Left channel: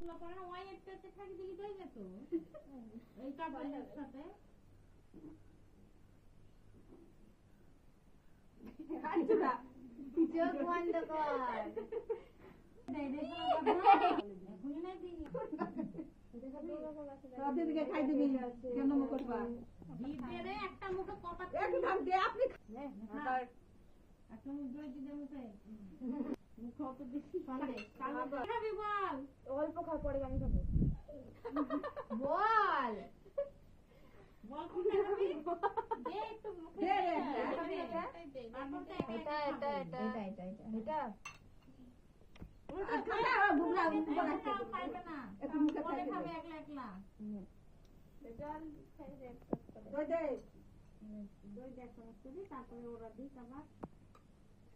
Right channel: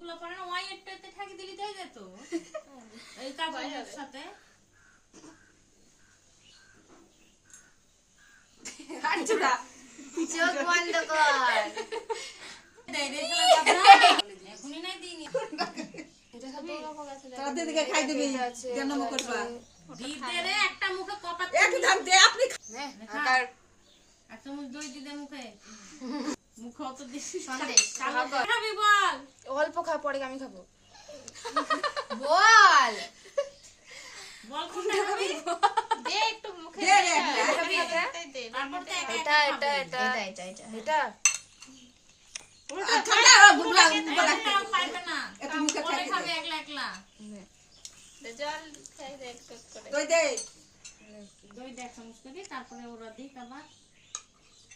গুলো পরে না ওয়াইটটাতে ঠাকি দিলি তো যেত। এই কাপড়ের সাথে চোখ বন্ধ কর। দেয় রে খেলা কাপড় এখনই নাই দিইনি। তোরা দিদিকে খাই দিবি। কেন মুখ করবা। দিতে রে একটা মুখে কপাত দে আপনি নে আকার। দই দিতে মুখে। মুখে অত দিছি সন্দেশ খাবি বল। অল্প খা পরে আমি খাব। বল। বল কোনটা খাবি? দে একটু মুখে দে এটা তারপর তো একা এটা একা এটা এটা এটা এটা ঠান্ডা লাগছে একটাও পারবে না। একটু মুখে খাবে একলা একলা? দে জল খাই দে দই দে। দই দেখ চামচ করে। তারপরে ওরা দিক আবার এটা একটু আর এই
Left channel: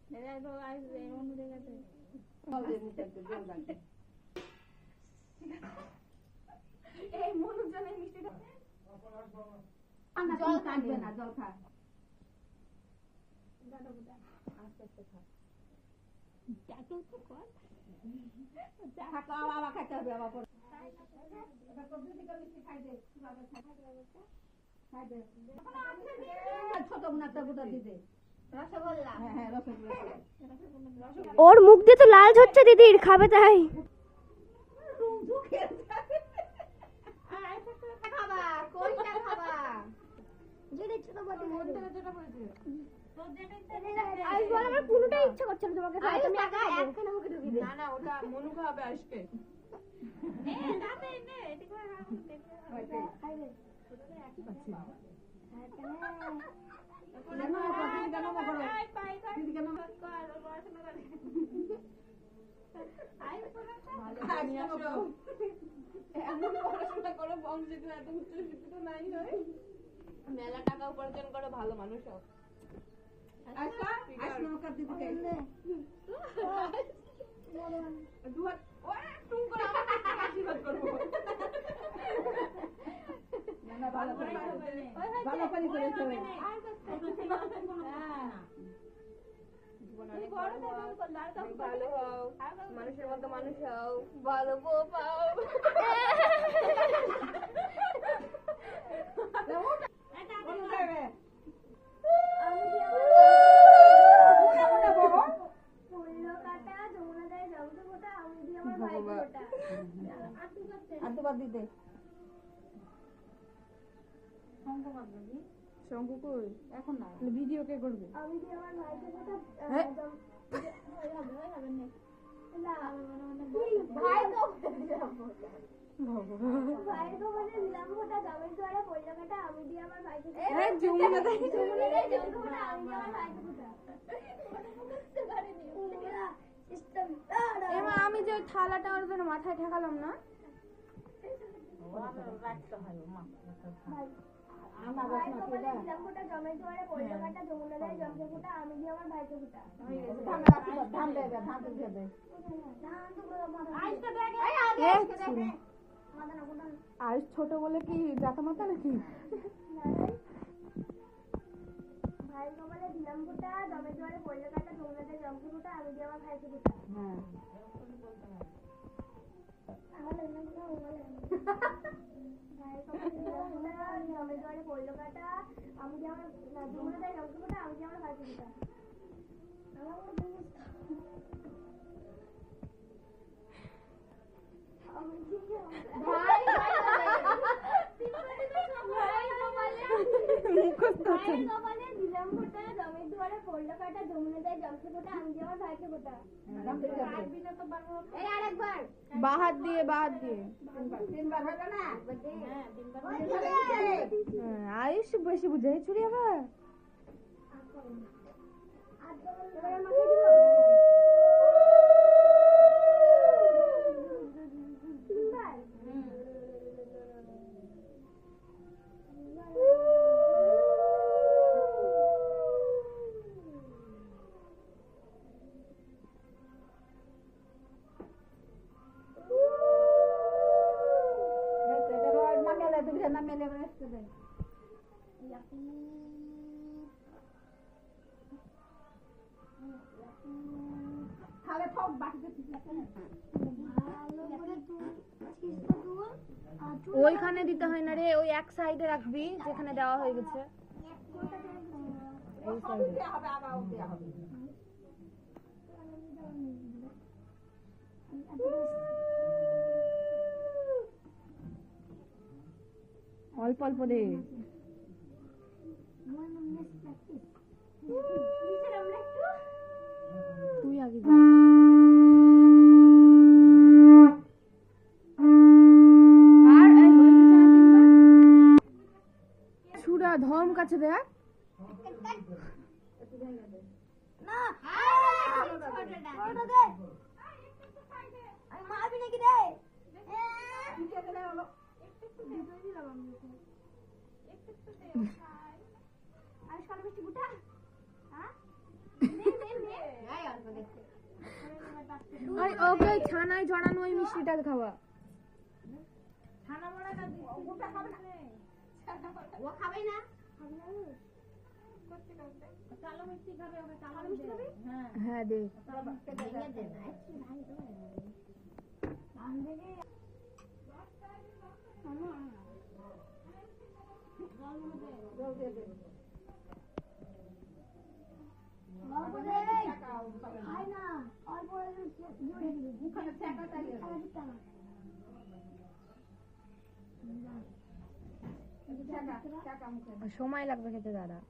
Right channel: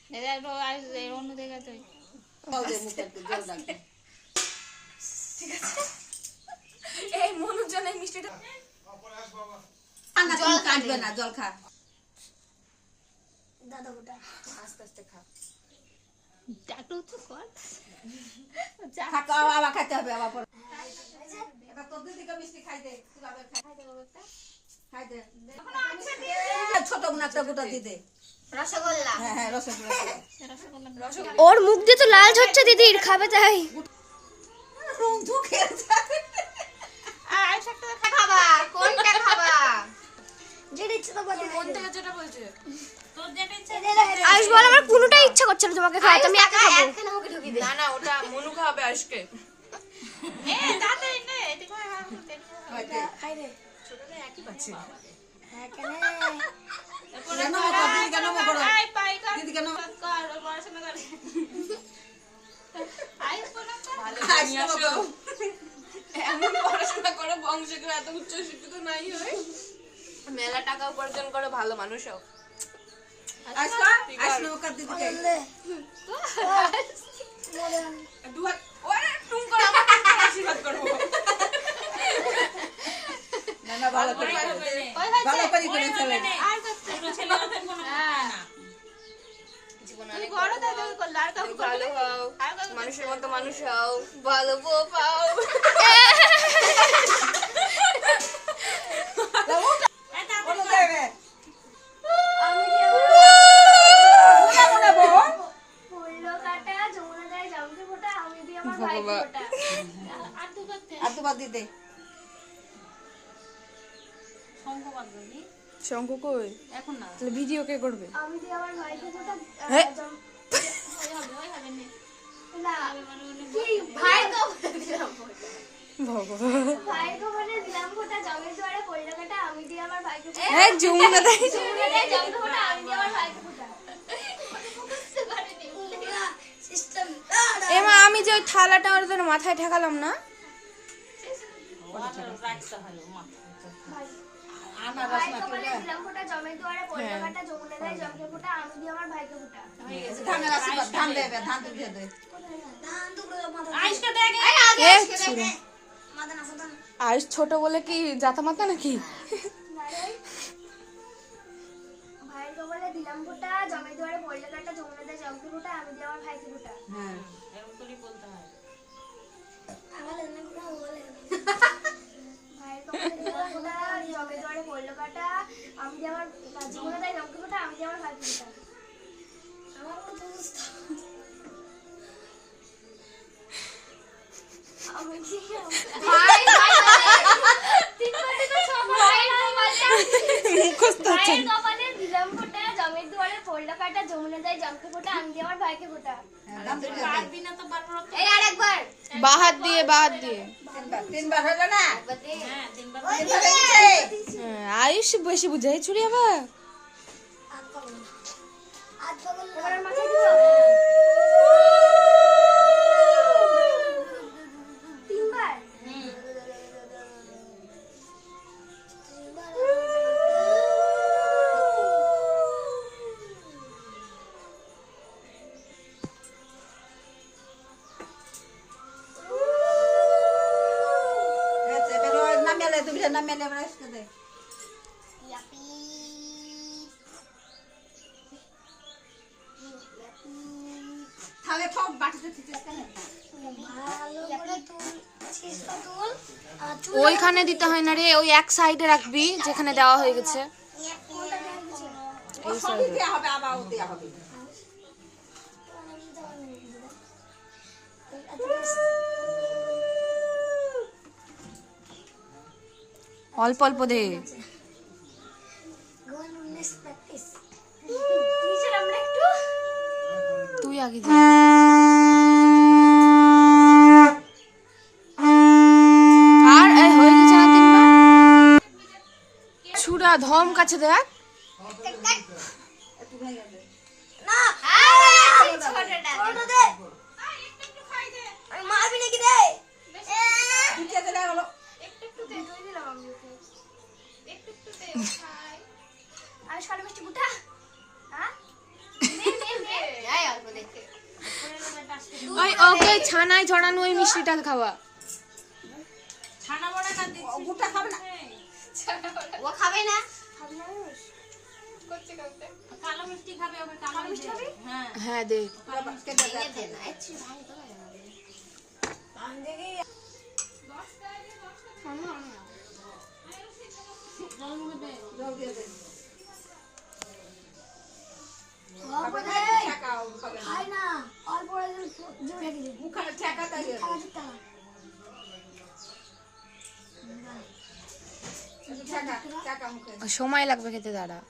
অন্য জায়গায় দই দাও দে মুখে একটু জল দাও। এই মনুর জন্য মিষ্টিটা জল কাটবে না জল খা। আস্তে আস্তে খা। একটু তো কর। থাক আবার খাইতে হবে আবার পরে। এবার তোর দিদিকে মিষ্টি খাই দে তুই আবার খাই খাই দে। ছোট গুনা একটা গোটা দিয়ে দে হ্যাঁ হ্যাঁ ওর মুখ দিয়ে তো লাল ঝরছে দিদির খাবে তাই। আয়ুষ বল। আমার কোনোটাই ইচ্ছা করছে না তোমাকে খাওয়াতে আমি একা একখানা মুখে ঢুকি দে। না না ওটা মনু খাবে আজকে এ দাদা এনে এদিকে হয় হাত ছোটটা একই পাচ্ছে কেন মতো দিদি কেন মতো আই পাই কর দিদি কেন? পড়াশোনা কর। এমন পড়াশোনা করে বংশ এত উচ্চ শিক্ষিত নাই হয় মেলা টাকা উপার্জন করে ভালো মানুষ হোক ভালো করে। ভালো করে করে চলে আর ছেলে কোনো হয়। জীবন অনেক বড় দাদা করলে আর কাউকে ভালো হও। মানুষের মতো মানুষ হও। ভালো বউ পাও। শঙ্খ কই? এখন না। ভিডিও কে করবে? আমি দিয়ে আমার ভাইকে আমার ভাইকে ফোটা ধানের আশীর্বাদ ধান দেবে ধান দিয়ে দে আইসকে দেখে আয়ুষ ছোট বলে কি জাতা মাতা নাকি? ভাইয়ের কপালে দিলাম ফোটা জমের দুয়ারে পড়লে কাটা যমুনা দেয় জমকে আমি দিয়ে আমার ভাইকে ফোটা। হ্যাঁ। এরকম করেই বলতে হয়। ভাইয়ের কপালে দিলাম ফোটা জমের দুয়ারে পড়ল কাটা আমি দিয়ে আমার আমি দিয়ে আমার ভাইকে ফোটা। ভাই ভাই তিনবারে তো সব ভাই ভাইয়ের কপালে দিলাম ফোটা জমের দুয়ারে পড়ল কাটা যমুনা দেয় জমকে ফোটা আমি দিয়ে আমার ভাইকে ফোঁটা। হ্যাঁ, দিয়ে দে। পারবি না তো বারবার এই আরেকবার বাহাত দিয়ে বাহাত দিয়ে। তিনবার তিনবার হলো না? হ্যাঁ তিনবার তিনবার হয়েছে। হ্যাঁ, আয়ুষ বেশি বুঝাই ছুড়ি আবার। মাথায় দিব? তাহলে সব বাটিতে দিতে ওইখানে দিতে হয় না রে ওই এক সাইডে রাখবি যেখানে দেওয়া হয়ে গেছে দেওয়া হবে আবার দেওয়া হবে অল্প অল্প দে। তুই আগে আর হয়ে গেছে না ছুরা ধম কাছে দেখ। আর মিষ্টি গুটা হ্যাঁ ওই ওকে ছানায় জড়ানো ওই মিষ্টিটা খাওয়া ছানা বড়া কার ও খাবে না ও খাবে না কালো মিষ্টি খাবে ওকে কালো মিষ্টি খাবে হ্যাঁ হ্যাঁ দে। না। খাই। টাকা সময় লাগবে খেতে দাঁড়া।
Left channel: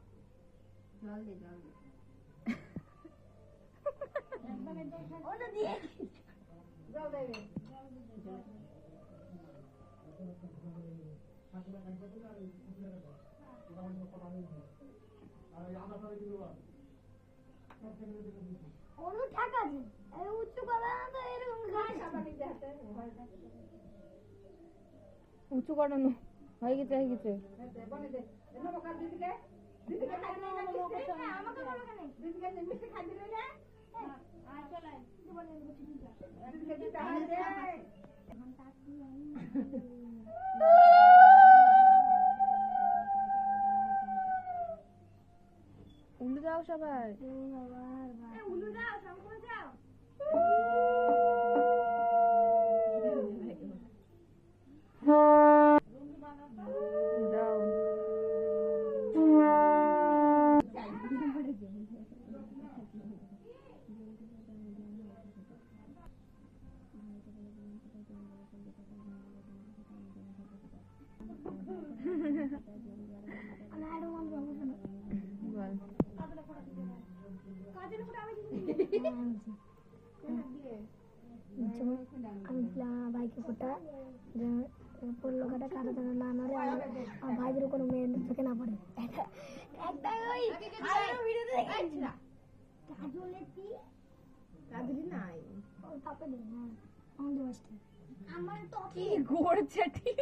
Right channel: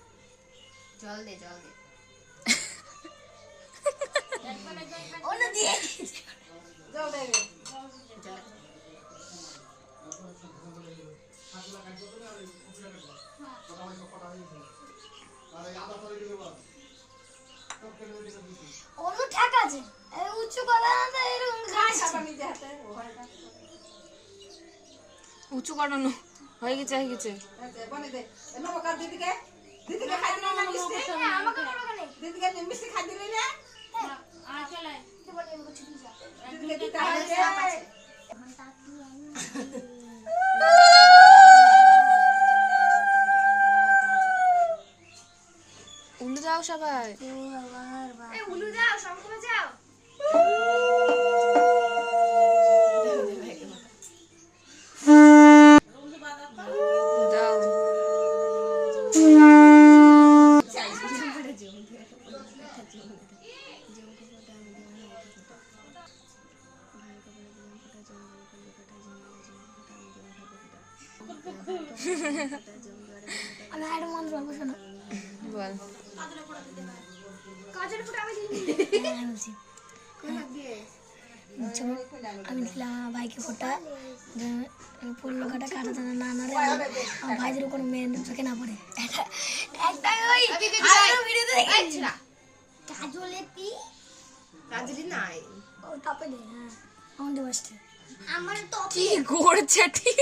অন্য দিয়ে জল দেবে। অন্য ঠেক আছে উঁচু করে না এরকম। উঁচু করানো হয়ে গেছে হয়ে গেছে। দিদিকে? খাই দিলি না সবাই। যেমন আমি দিলাম আমার ভাইকে ফোটা পড়ল কাটা কাটা যেন না নারে আমার ভাইদের কোনো মেয়ে চোখে না পড়ে। এটা- ওই ভিডিওতে দেখেছি কাজলে কাজলি নাই। ও টপে দে হ্যাঁ আমাদের বাসটা আমার কি করছে ঠিক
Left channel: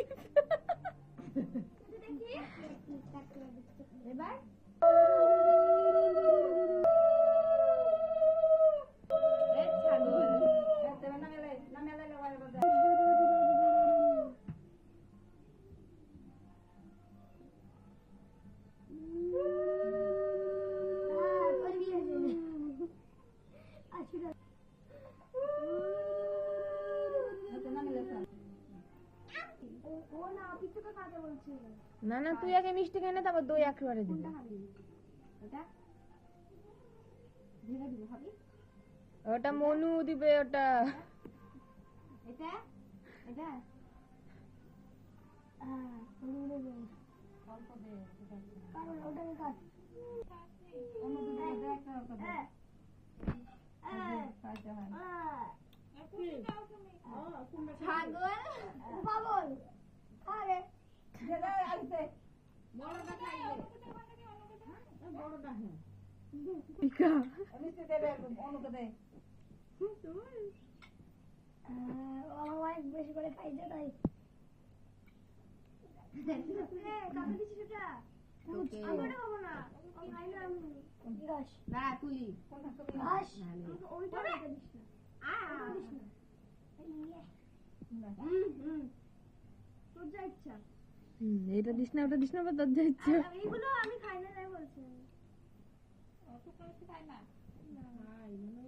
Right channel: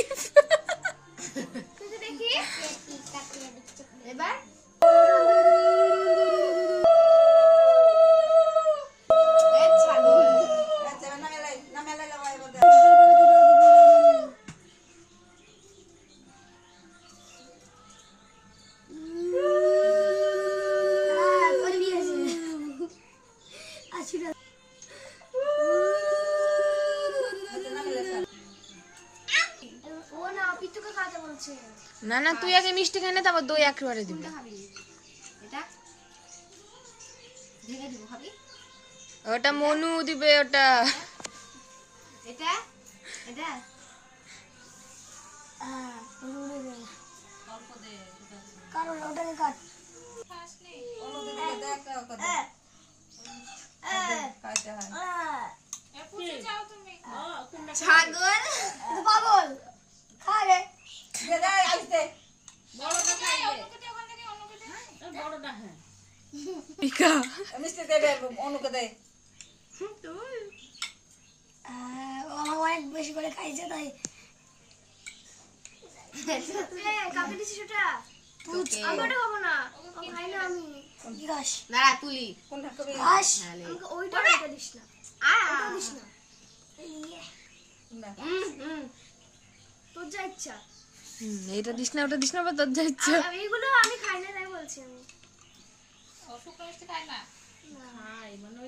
দেখি। না না তুই আগে মিষ্টি খাই না তারপর দই একেবারে দিবি। ওটা মনু দিবে ওটা। হ্যাঁ অনুকে দে। আহ, ও আমাকে অনেক বেশি করে খাইছে তাই। কাকে দিছিস ওটা? আমি ওটা খাব না। খাই না আমি। কি খাস দাঁড়া তুলি। কোনটা কবি? খাস আমাকে ওইটা ওইটা দিস না। ওইটা দিস না। না। তোর যা ইচ্ছা। এইটা দিস না ওটা দিস না বা তোর যা ইচ্ছা। এইগুলো আমি খাই না তাই বলছি আমি। অসুখ না?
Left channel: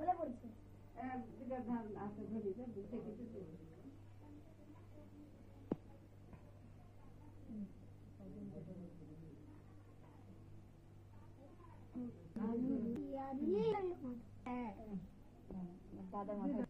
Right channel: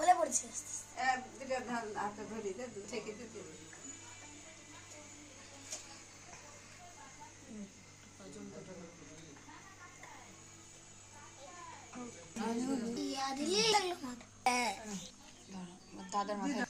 ঢলে পড়ছে এক ধান হাতে ধরি দু ঠেকি দে দে। দাদার মাথায়